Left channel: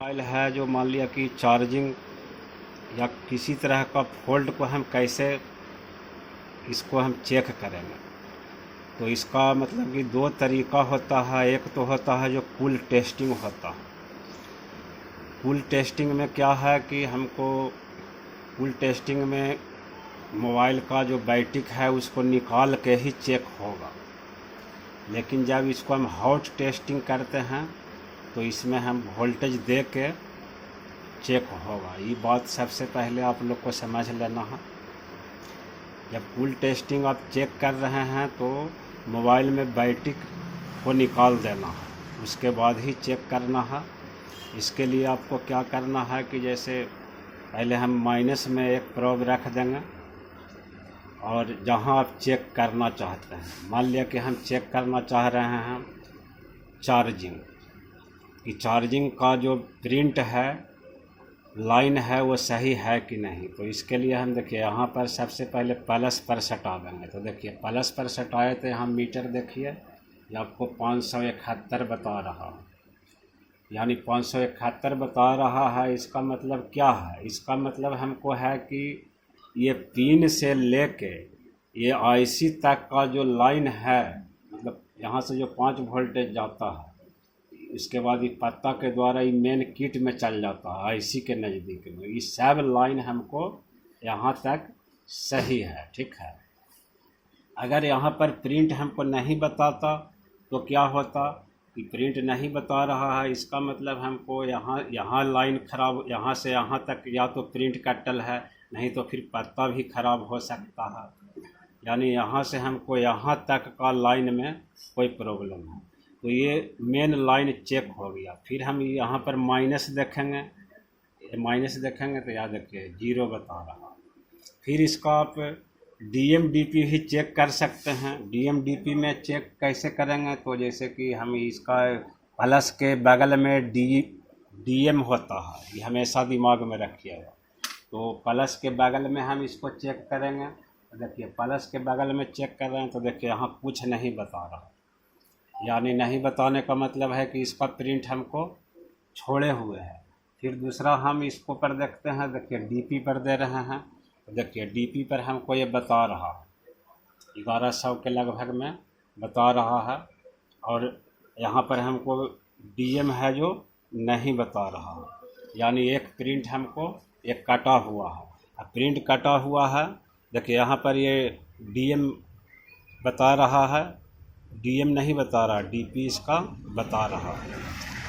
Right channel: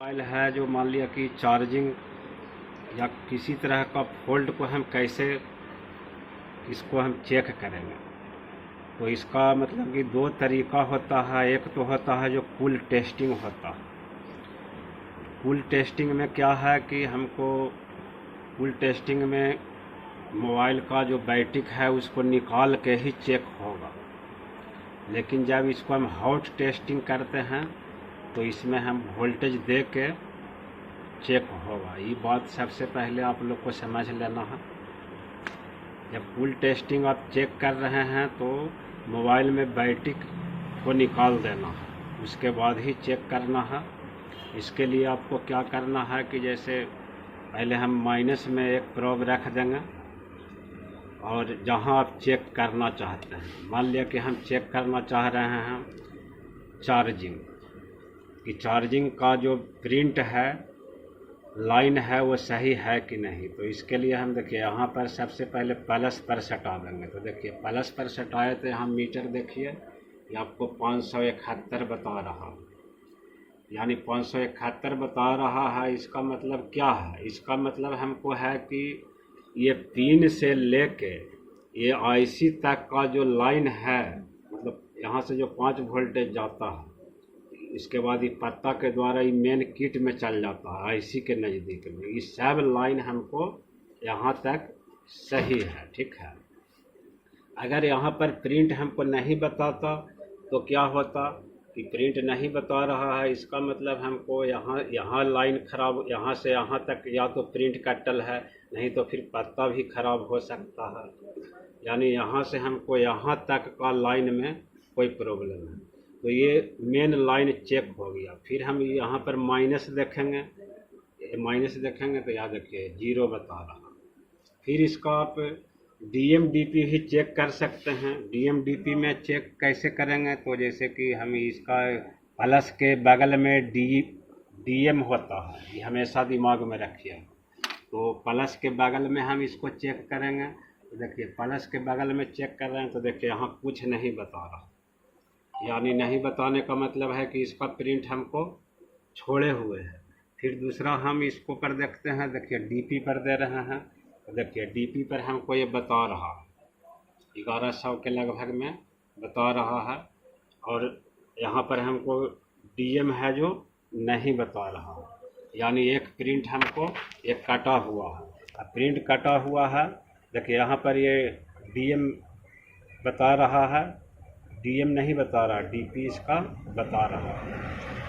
Mobile है जो मान लिया कि चार्जिंग या किसी तरह का फॉल्ट को हम कैसे इसको हम चेक करेंगे। तो इसका मतलब कि दो तरीका होता है। एक तो होता है जो पुल टेस्टिंग होता है। पुल टेस्टिंग में क्या है कि हमको पुल टेस्टिंग में मोबाइल का जो बैटरी है उसको निकाल के ही चेक होगा। लेकिन जब इसको हम हॉट टेस्टिंग करते हैं तो इसमें हम वोल्टेज दे के चेक होगा। ये बात सबसे पहले आप लोग को समझ लेना है। जब पुल टेस्टिंग आप चेक कर रहे हैं तो मोबाइल में बैटरी को निकाल देना है, उसके बाद ही चेक करना है। इसके लिए आपको क्या करना है कि जैसे पहले हम माइनस में एक प्रोब रख देंगे और जहां आप चेक करना चाहते हैं, मान लिया कि हम चेक करना चाह रहे हैं चार्जिंग कि चार्जिंग का जो प्रिंट है लाइन है वो सही है कि नहीं। तो इसके लिए हम देखिए यहाँ पर सबसे पहले प्लस पर सटा देंगे। तो देखिए प्लस पर सटाए तो यहाँ मीटर देखिए ये आपको 571 बता रहा है, यानी 571 बता रहा है। इसका मतलब क्या है? इसका मतलब हमको है कि ये पिन से लेके ये आईसी तक का जो लाइन है, मतलब यहाँ से जो 5 वोल्टेज जाता है इसके बाद ये पत्ता के द्वारा ये मेन किट में चल जाता है आईसी के नज़दीक में। ये सब लाइन हमको यहाँ तक सही है, ठीक है। अगर यहाँ पर प्रिंट हमको नहीं बताता तो क्या होता कि प्रिंट नहीं बता रहा है, इसका मतलब हमको यहाँ लाइन ख़राब, यहाँ से यहाँ तक या तो प्रिंट कटल है, नहीं तो फिर पत्ता भी ख़राब हो सकता है। यानी यहाँ से हमको यहाँ तक का लाइन में कोई प्रॉब्लम है। तो ये मेन लाइन चेक हो गया। फिर हम यहाँ पर माइनस देखेंगे, माइनस देखेंगे तो याद रखिए 0 बता रहा। फिर इसका आप डीएमडीपी भी चेक कर सकते हैं। डीएमडीपी में चेक कैसे करेंगे? तो जैसे कि हम इसका प्लस के बगल में डीएम होता है, ये हमेशा दिमाग में रखिएगा। तो प्लस के बगल में हम इसको चेक करेंगे। तो देखिए प्लस के बगल में चेक कर रहे हैं तो देखिए यहाँ कुछ नहीं बता रहा, यानी नहीं बताने का मतलब है कि इसका प्रिंट हमको छोड़े हुए है। फिर दूसरा हम इसको पर देखते हैं, देखिए डीपी पर दे रहे हैं तो देखिए डीपी पर हमको ये बता रहा है 1100 के लगभग में बता रहा है। और यहाँ पर हमको डीएम है जो नहीं बता रहा है, यानी एक प्रिंट हमको एक कटा हुआ है। प्रिंट कटा हुआ है, देखिए यहाँ पर ये डीएम बता रहा है, डीएम नहीं बता रहा, डीपी इसका बता रहा है।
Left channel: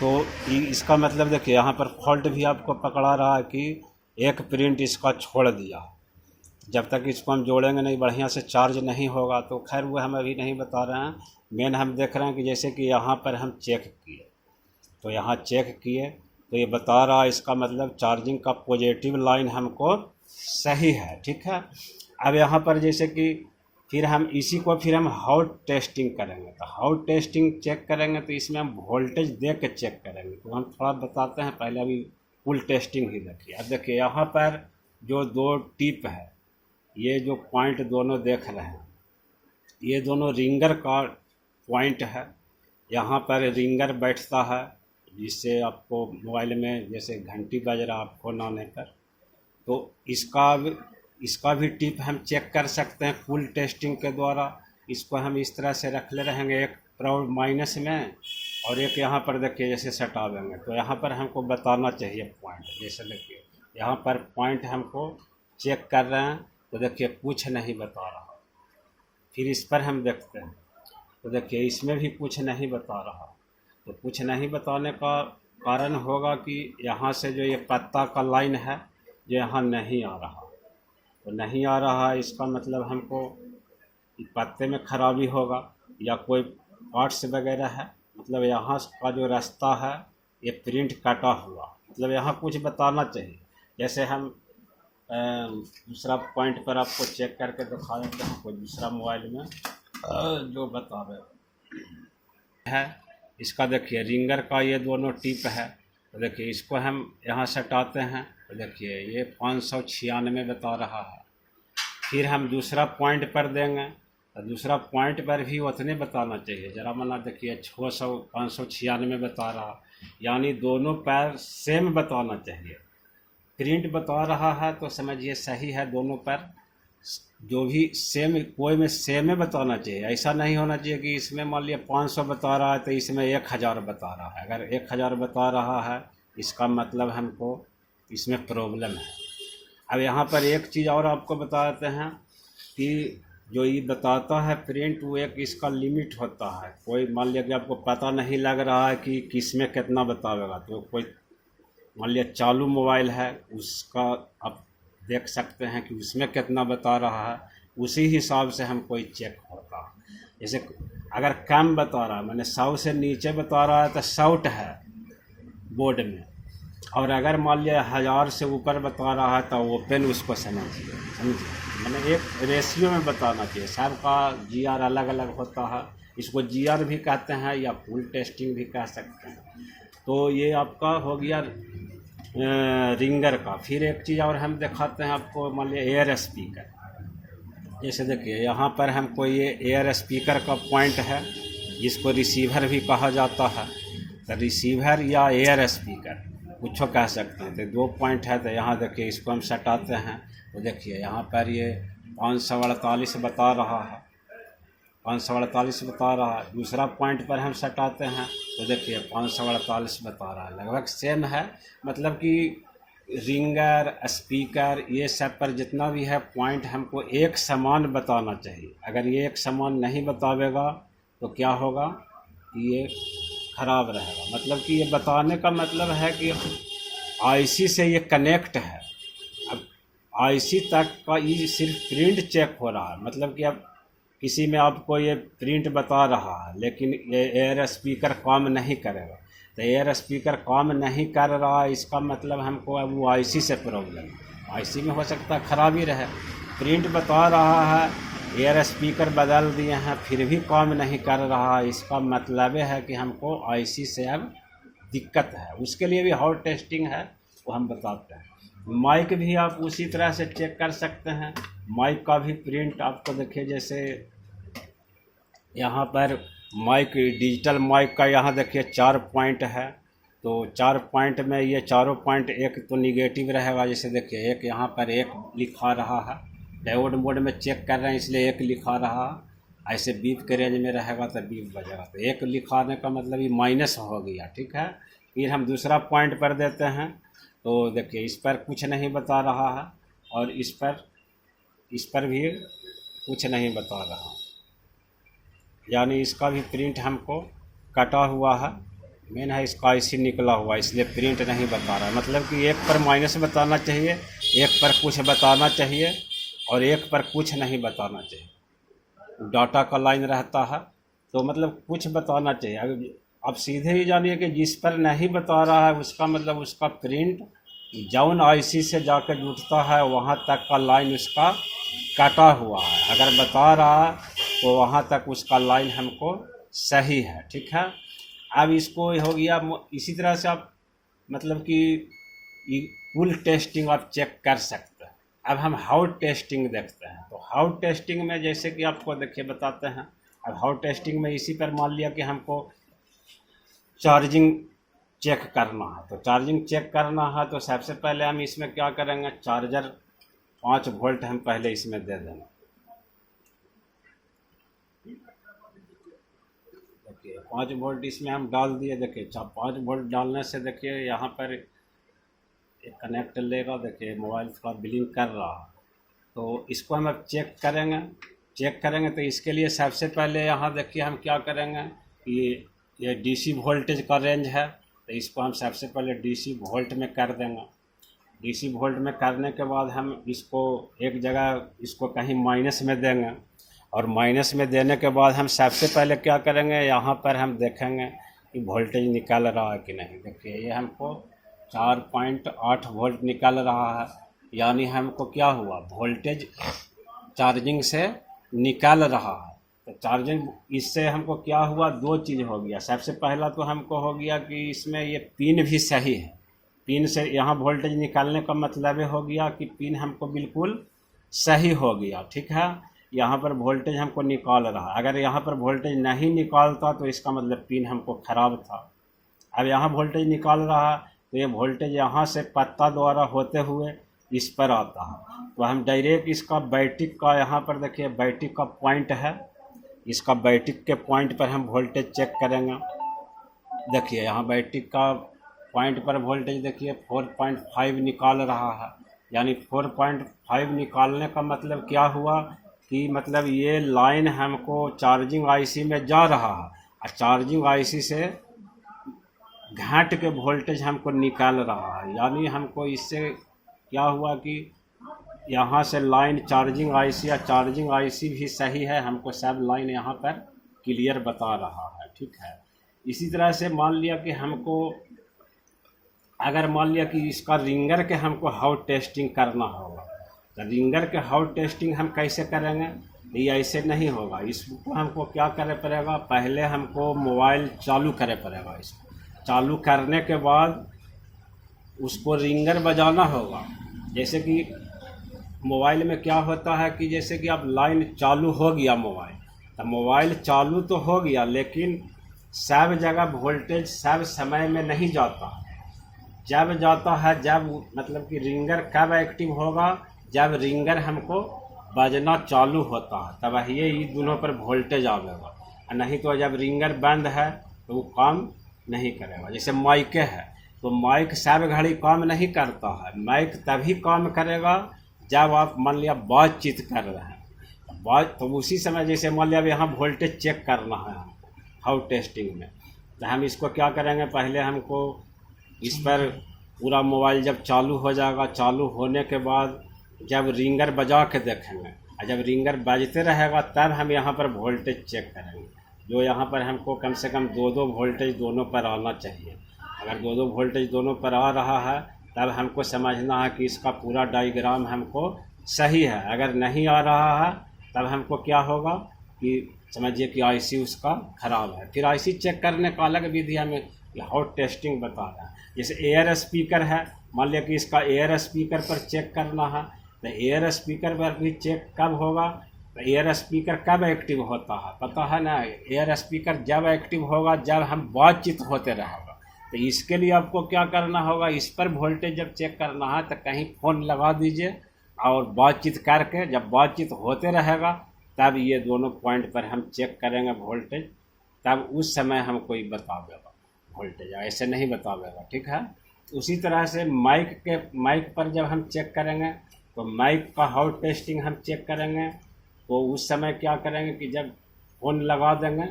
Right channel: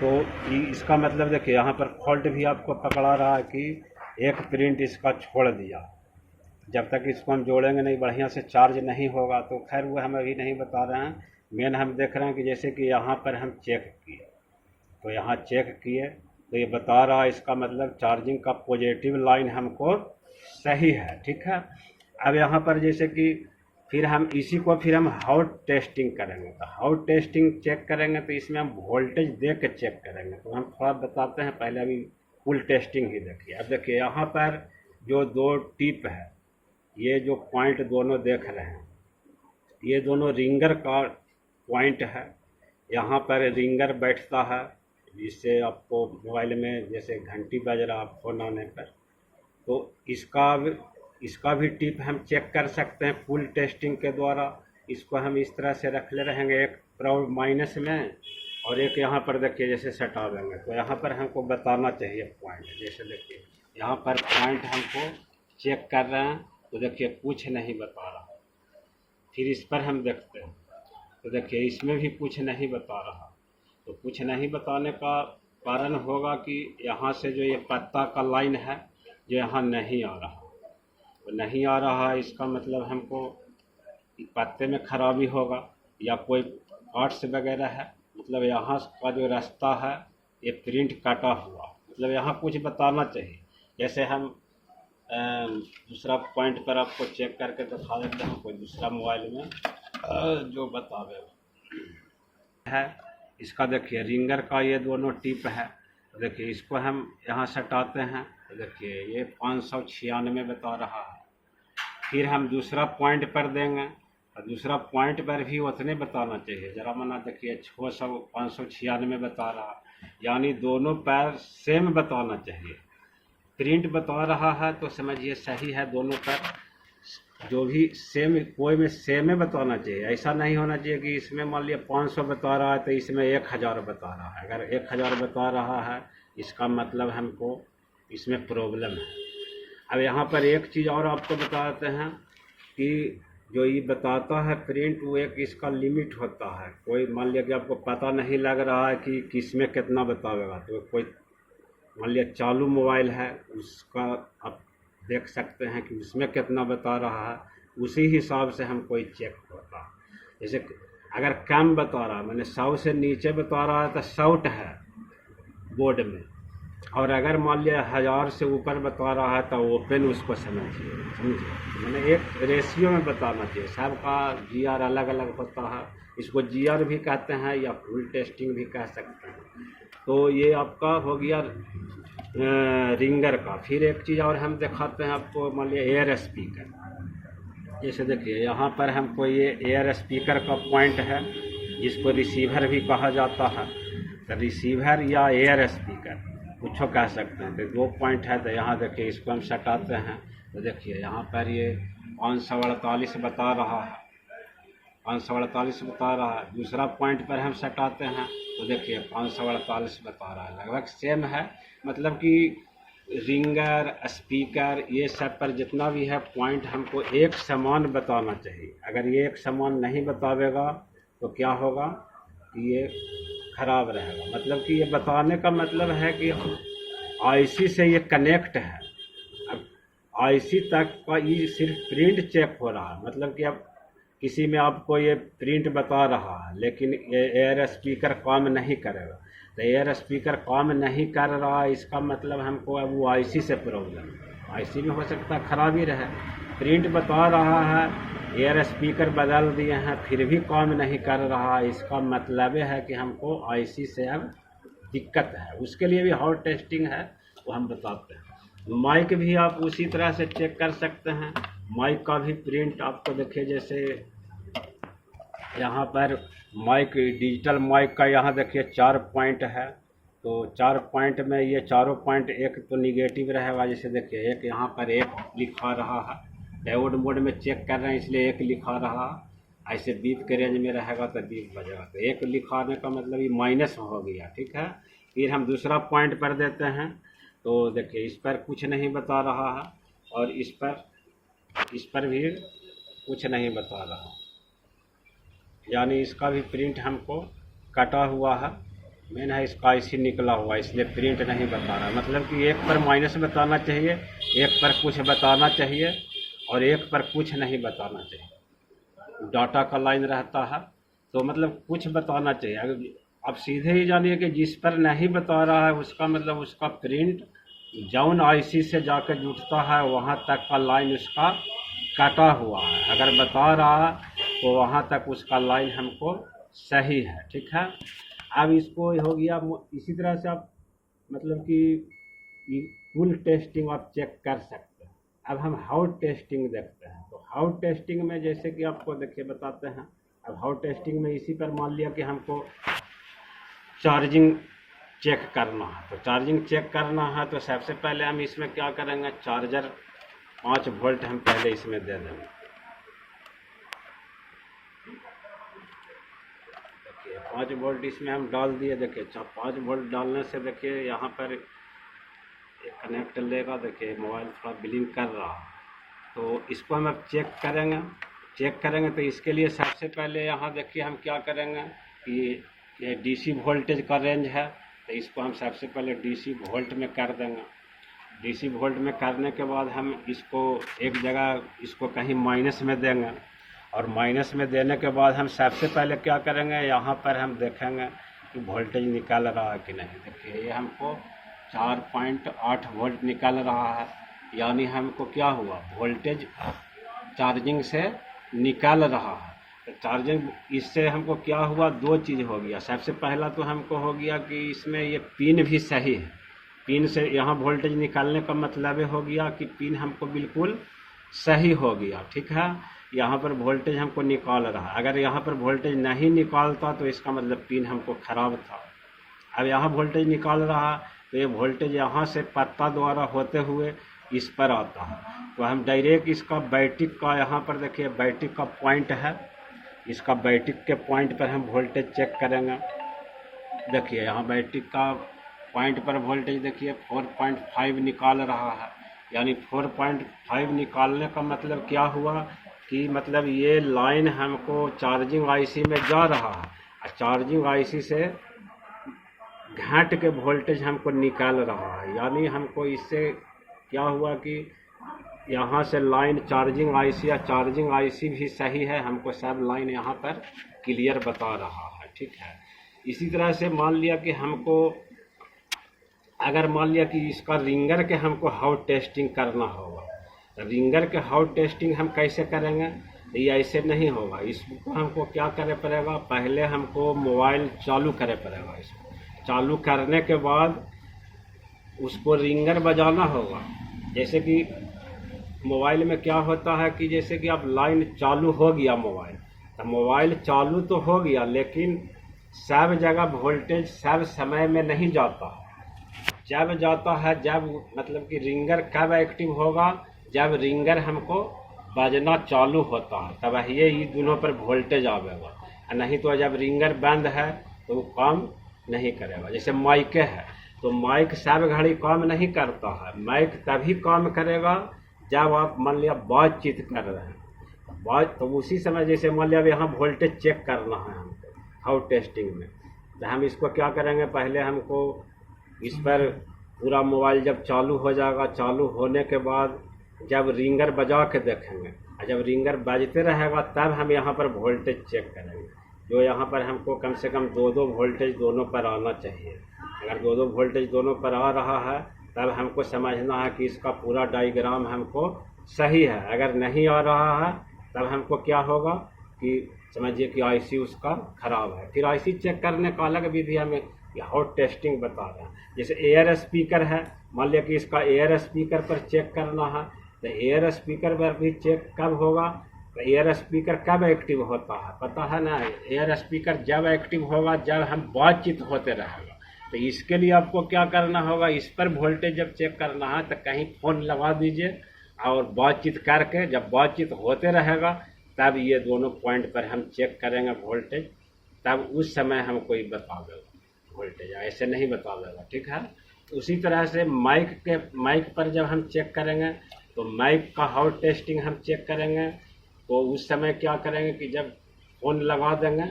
तो इसका मतलब देखिए यहाँ पर फॉल्ट भी आपको पकड़ा रहा है कि एक प्रिंट इसका छोड़ दिया। जब तक इसको हम जोड़ेंगे नहीं, बढ़िया से चार्ज नहीं होगा। तो खैर वो हम अभी नहीं बता रहे हैं। मेन हम देख रहे हैं कि जैसे कि यहाँ पर हम चेक किए तो यहाँ चेक किए तो ये बता रहा है, इसका मतलब चार्जिंग का पॉजिटिव लाइन हमको सही है, ठीक है। अब यहाँ पर जैसे कि फिर हम इसी को फिर हम हॉट टेस्टिंग करेंगे। तो हॉट टेस्टिंग चेक करेंगे तो इसमें हम वोल्टेज दे के चेक करेंगे। तो हम थोड़ा बताते हैं, पहले अभी पुल टेस्टिंग ही देखिए। अब देखिए यहाँ पर जो दो टिप है, ये जो पॉइंट दोनों देख रहे हैं, ये दोनों रिंगर का पॉइंट है। यहाँ पर रिंगर बैठता है जिससे आपको मोबाइल में जैसे घंटी बज रहा फ़ोन आने पर, तो इसका भी टिप हम चेक कर सकते हैं पुल टेस्टिंग के द्वारा। इसको हम इस तरह से रख ले रहेंगे, एक प्रोब माइनस में और एक यहाँ पर देखिए जैसे सटा देंगे। तो यहाँ पर हमको बताना चाहिए पॉइंट, जैसे देखिए यहाँ पर पॉइंट हमको चेक कर रहे हैं तो देखिए कुछ नहीं बता रहा। फिर इस पर हम देखते हैं तो देखिए इसमें भी कुछ नहीं बता रहा। तो कुछ नहीं बताने का कारण होगा कि यहाँ से जो ये पत्ता का लाइन है जो यहाँ नहीं आ रहा, तो नहीं आ रहा है। इसका मतलब हमको पत्ते में खराबी होगा या कोई पार्ट्स वगैरह है, मतलब यहाँ का जो रास्ता है ये प्रिंट कटा हुआ, मतलब यहाँ कुछ बताना चाहिए। जैसे हम दूसरा पॉइंट पर आपको चेक करके दिखा देते हैं, कोई दूसरा मोबाइल में जो बतावे है। इसका देखिए रिंगर का ये दोनों टिप है। तो देखिए इसको हम यहाँ सटाते हैं तो देखिए ये 596 बता रहा है। फिर हम दूसरा पॉइंट पर देंगे और दूसरा पॉइंट पर भी उतने बताना चाहिए। ज़रा मना देखिए 596 बता रहा। यानी दोनों पैर सेम बताना चाहिए। प्रिंट बता रहा है तो समझिए सही है, दोनों पैर जो भी सेम, कोई में सेम ही बताना चाहिए। ऐसा नहीं होना चाहिए कि इसमें मान लिया 500 बता रहा है तो इसमें 1000 बता रहा है। अगर 1000 बता रहा है इसका मतलब हमको इसमें प्रॉब्लम है। अब यहाँ पर एक चीज़ और आपको बताते हैं कि जो ये बताता है प्रिंट, वो एक इसका लिमिट होता है। कोई मान लिया कि आपको पता नहीं लग रहा है कि किस में कितना बतावेगा, तो कोई मान लिया चालू मोबाइल है उसका आप देख सकते हैं कि उसमें कितना बता रहा है, उसी हिसाब से हम कोई चेक होता है। जैसे अगर कम बता रहा है, मैंने 100 से नीचे बता रहा है तो शॉर्ट है बोर्ड में, और अगर मान लिया 1000 से ऊपर बता रहा है तो ओपन उसको समझिए। मैंने एक रेशियो में बताना चाहिए। सबका जीआर अलग अलग होता है, इसको जीआर भी कहते हैं या फुल टेस्टिंग भी कह सकते हैं। तो ये आपका हो गया रिंगर का। फिर एक चीज़ और हम दिखाते हैं आपको, मान लिया एयर स्पीकर। जैसे देखिए यहाँ पर हमको ये एयर स्पीकर का पॉइंट है, जिसको रिसीवर भी कहा जाता है। तो रिसीवर या एयर स्पीकर कुछ कह सकते हैं। तो 2 पॉइंट है, तो यहाँ देखिए इसको हम सटाते हैं तो देखिए यहाँ पर ये 548 बता रहा है, 548 बता रहा है। दूसरा पॉइंट पर हम सटाते हैं तो देखिए 548 बता रहा है। लगभग सेम है, मतलब कि रिंगर स्पीकर ये सब पर जितना भी है पॉइंट हमको एक समान बताना चाहिए। अगर ये एक समान नहीं बतावेगा तो क्या होगा, ये ख़राब रहेगा। मतलब कि ये बताने का मतलब है कि आईसी से ये कनेक्ट है। अब आईसी तक का ये सिर्फ प्रिंट चेक हो रहा है, मतलब कि अब किसी में आपको ये प्रिंट बता रहा है लेकिन ये एयर स्पीकर काम नहीं करेगा। तो एयर स्पीकर काम नहीं कर रहा, इसका मतलब हमको अब वो आईसी से प्रॉब्लम है। आईसी में हो सकता है खराबी रहे। प्रिंट बता रहा है, एयर स्पीकर बदल दिए हैं फिर भी काम नहीं कर रहा, इसका मतलब है कि हमको आईसी से अब दिक्कत है। उसके लिए भी हॉट टेस्टिंग है, वो हम बताते हैं। माइक भी आप उसी तरह से चेक कर सकते हैं। माइक का भी प्रिंट आपको देखिए, जैसे यहाँ पर माइक, डिजिटल माइक का यहाँ देखिए 4 पॉइंट है। तो 4 पॉइंट में ये चारों पॉइंट एक तो निगेटिव रहेगा। जैसे देखिए एक यहाँ पर 1 लिखा रहा है, डायोड मोड में चेक कर रहे हैं इसलिए 1 लिखा रहा। ऐसे बीप के रेंज में रहेगा तो बीप बजेगा, तो 1 लिखाने का मतलब ये माइनस हो गया, ठीक है। फिर हम दूसरा पॉइंट पर देते हैं तो देखिए इस पर कुछ नहीं बता रहा है, और इस पर भी कुछ नहीं बता रहा, यानी इसका भी प्रिंट हमको कटा हुआ है। मेन है इसका आईसी निकला हुआ, इसलिए प्रिंट नहीं बता रहा है। मतलब कि एक पर माइनस बताना चाहिए, एक पर कुछ बताना चाहिए, और एक पर कुछ नहीं बताना चाहिए। डाटा का लाइन रहता है तो मतलब कुछ बताना चाहिए। अगर आप सीधे ही जानिए कि जिस पर नहीं बता रहा है उसका मतलब उसका प्रिंट जौन आईसी से जाकर जुटता है वहाँ तक का लाइन उसका कटा हुआ है। अगर बता रहा तो वहाँ तक उसका लाइन हमको सही है, ठीक है। अब इसको हो गया, इसी तरह से आप मतलब कि फुल टेस्टिंग आप चेक कर सकते हैं। अब हम हाउट टेस्टिंग देखते हैं। तो हाउट टेस्टिंग में जैसे कि आपको देखिए बताते हैं। अब हाउट टेस्टिंग में इसी पर मान लिया कि हमको चार्जिंग चेक करना है। तो चार्जिंग चेक करना है तो सबसे पहले हम इसमें क्या करेंगे, चार्जर 5 वोल्ट हम पहले इसमें दे देंगे। देखिए 5 वोल्ट इसमें हम डाल दिए। देखिए 5 वोल्ट डालने से देखिए यहाँ पर एक कनेक्ट लेगा। देखिए मोबाइल थोड़ा ब्लिंक कर रहा है, तो इसको हम अब चेक करेंगे। तो इसके लिए सबसे पहले यहाँ देखिए हम क्या करेंगे कि ये डीसी वोल्टेज का रेंज है, तो इसको हम सबसे पहले डीसी वोल्ट में कर देंगे। डीसी वोल्ट में करने के बाद हम इसको एक जगह इसको कहीं माइनस में देंगे, और माइनस में देने के बाद हम सबसे पहले क्या करेंगे, यहाँ पर हम देखेंगे कि वोल्टेज निकल रहा है कि नहीं। देखिए ये हमको 4.8 वोल्ट निकल रहा है, यानी हमको क्या हुआ, वोल्टेज चार्जिंग से निकल रहा है। तो चार्जिंग इससे हमको क्या हुआ, 2 चीज़ हो गया। सबसे पहला तो हमको हो गया कि इसमें ये पिन भी सही है। पिन से यहाँ वोल्टेज निकालने का मतलब हो गया कि पिन हमको बिल्कुल सही हो गया, ठीक है। यहाँ पर वोल्टेज हमको निकाल रहा है। अगर यहाँ पर वोल्टेज नहीं निकालता तो इसका मतलब पिन हमको ख़राब था। अब यहाँ वोल्टेज निकाल रहा, तो ये वोल्टेज यहाँ से पत्ता द्वारा होते हुए इस पर आता है। तो हम डायरेक्ट इसका बैटरी का, यहाँ पर देखिए बैटरी का पॉइंट है, इसका बैटरी के पॉइंट पर हम वोल्टेज चेक करेंगे। देखिए यहाँ बैटरी का पॉइंट पर वोल्टेज देखिए 4.5 निकाल रहा है, यानी 4.5 निकालने का मतलब क्या हुआ कि मतलब ये लाइन हमको चार्जिंग आईसी में जा रहा है और चार्जिंग आईसी से घाट के वोल्टेज हमको निकाल रहा है। यानी हमको इससे क्या हुआ कि यहाँ से लाइन चार्जिंग आईसी या चार्जिंग आईसी भी सही है, हमको सब लाइन यहाँ पर क्लियर बता रहा है, ठीक है। इसी तरह से मान लिया कि हमको, अगर मान लिया कि इसका रिंगर के हमको हाउट टेस्टिंग करना होगा, तो रिंगर के हाउट टेस्टिंग हम कैसे करेंगे? ये ऐसे नहीं होगा। इसको हमको क्या करे पड़ेगा, पहले हमको मोबाइल चालू करे पड़ेगा। इसको चालू करने के बाद उसको रिंगर बजाना होगा। जैसे कि मोबाइल में क्या होता है कि जैसे कि अब लाइन चालू हो गया मोबाइल, तो मोबाइल चालू तो हो गया, लेकिन सब जगह वोल्टेज सब समय में नहीं जाता है। जब जाता है, जब मतलब कि रिंगर कब एक्टिव होगा, जब रिंगर हमको बजना चालू होता है, तब ये दोनों पर वोल्टेज आवेगा। नहीं तो जब रिंगर बंद है तो वो काम नहीं करेगा। जैसे माइक है, तो माइक सब घड़ी काम नहीं करता है। माइक तभी काम करेगा जब आप मान लिया बातचीत कर रहे हैं, बात तो उसी समय, जैसे मान लिया यहाँ वोल्टेज चेक करना है हमको हाउट टेस्टिंग में, तो हम इसको क्या करेंगे, पहले हमको इस पर पूरा मोबाइल जब चालू हो जाएगा, चालू होने के बाद जब रिंगर बजा के देखेंगे, और जब रिंगर बजते रहेगा तब हम यहाँ पर वोल्टेज चेक करेंगे। जो यहाँ पर हमको कम से कम 2-2 वोल्टेज दोनों पर आना चाहिए। अगर 2-2 वोल्टेज दोनों पर आ रहा है तब हमको समझना है कि इसका पूरा डायग्राम हमको सही है। अगर नहीं आ रहा है तब हमको क्या होगा कि समझिए कि आईसी उसका ख़राब है। फिर आईसी चेक करने का अलग विधि हमें हाउट टेस्टिंग बता रहा है। जैसे एयर स्पीकर है, मान लिया कि इसका एयर स्पीकर पर चेक करना है, तो एयर स्पीकर पर भी चेक कब होगा, तो एयर स्पीकर कब एक्टिव होता है पता है ना। एयर स्पीकर जब एक्टिव होगा जब हम बातचीत होते रहेगा। तो इसके लिए आपको क्या करना होगा, इस पर वोल्टेज जब चेक करना है तो कहीं फ़ोन लगा दीजिए और बातचीत करके जब बातचीत होते रहेगा तब ये दोनों पॉइंट पर हम चेक करेंगे वोल्टेज, तब उस समय हमको ये बता देगा वोल्टेज, ऐसे नहीं बता देगा, ठीक है। उसी तरह से माइक पर जब हम चेक करेंगे तो माइक का हाउट टेस्टिंग हम चेक करेंगे, तो उस समय क्या करेंगे कि जब फ़ोन लगा देंगे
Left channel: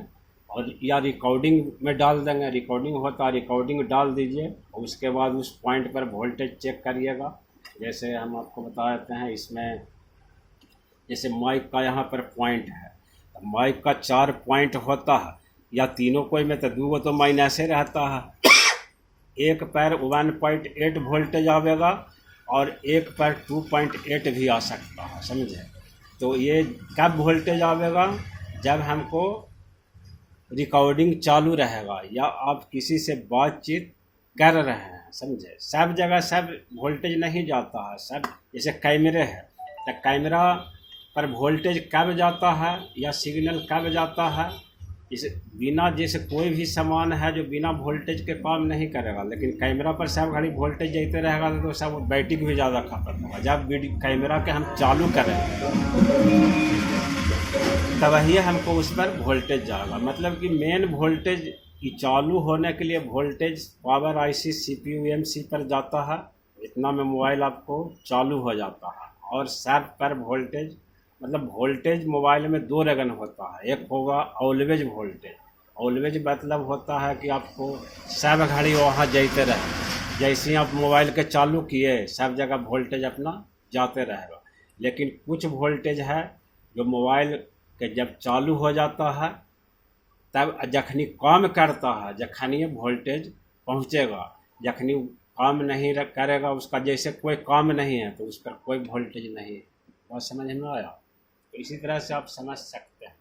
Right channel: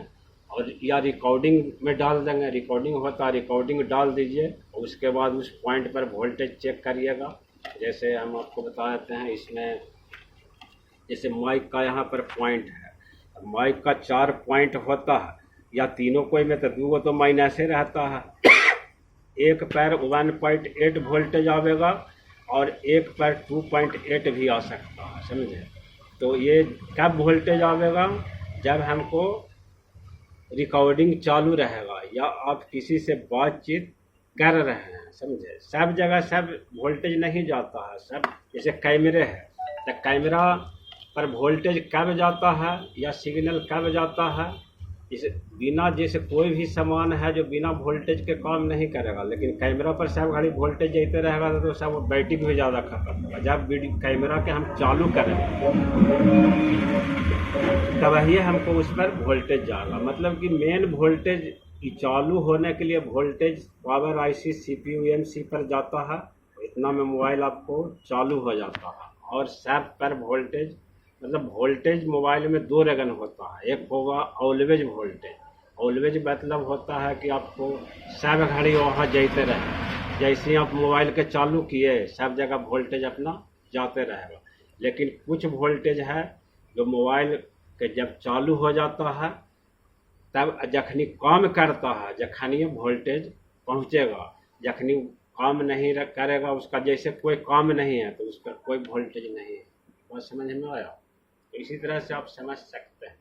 और या रिकॉर्डिंग में डाल देंगे, रिकॉर्डिंग होता है रिकॉर्डिंग डाल दीजिए और उसके बाद उस पॉइंट पर वोल्टेज चेक करिएगा। जैसे हम आपको बता देते हैं, इसमें जैसे माइक का यहाँ पर पॉइंट है, माइक का 4 पॉइंट होता है, या तीनों कोई में तो 2 तो माइनसे रहता है। एक पर 1.8 वोल्टेज आवेगा और एक पर 2.8 भी आ सकता है, समझे। तो ये कब वोल्टेज आवेगा, जब हमको रिकॉर्डिंग चालू रहेगा या आप किसी से बातचीत कर रहे हैं, समझे। सब जगह सब वोल्टेज नहीं जाता है। सब जैसे कैमरे है, तो कैमरा पर वोल्टेज कब जाता है या सिग्नल कब जाता है, जैसे कोई भी सामान है जो बिना वोल्टेज के काम नहीं करेगा, लेकिन कैमरा पर सब घड़ी वोल्टेज देते रहेगा तो सब बैटरी भी ज़्यादा खपत होगा। जब कैमरा के हम चालू करेंगे तब ही हमको उस पर वोल्टेज जाएगा। मतलब कि मेन वोल्टेज चालू होने के लिए voltage power IC CPU MC पर जाता है, इतना में मोबाइल आपको चालू हो जाता है। और सब पर वोल्टेज, मतलब वोल्टेज मोबाइल में 2 रगन होता है। एक होगा ऑलवेज वोल्टेज, ऑलवेज मतलब होता है कि आपको सब घड़ी वहाँ जाते रहे, जैसे ही आप मोबाइल के चालू किए सब जगह वोल्टेज अपना जाते रहेगा। लेकिन कुछ वोल्टेज है जो मोबाइल के जब चालू हो जाता है तब जखनी काम करता है, जखनी वोल्टेज पहुँचेगा, जखनी काम नहीं करेगा उसका, जैसे कोई काम नहीं है तो उस पर कोई वोल्टेज नहीं है। बात समझ में आया? तो इसी तरह से आप समझ सकते हैं।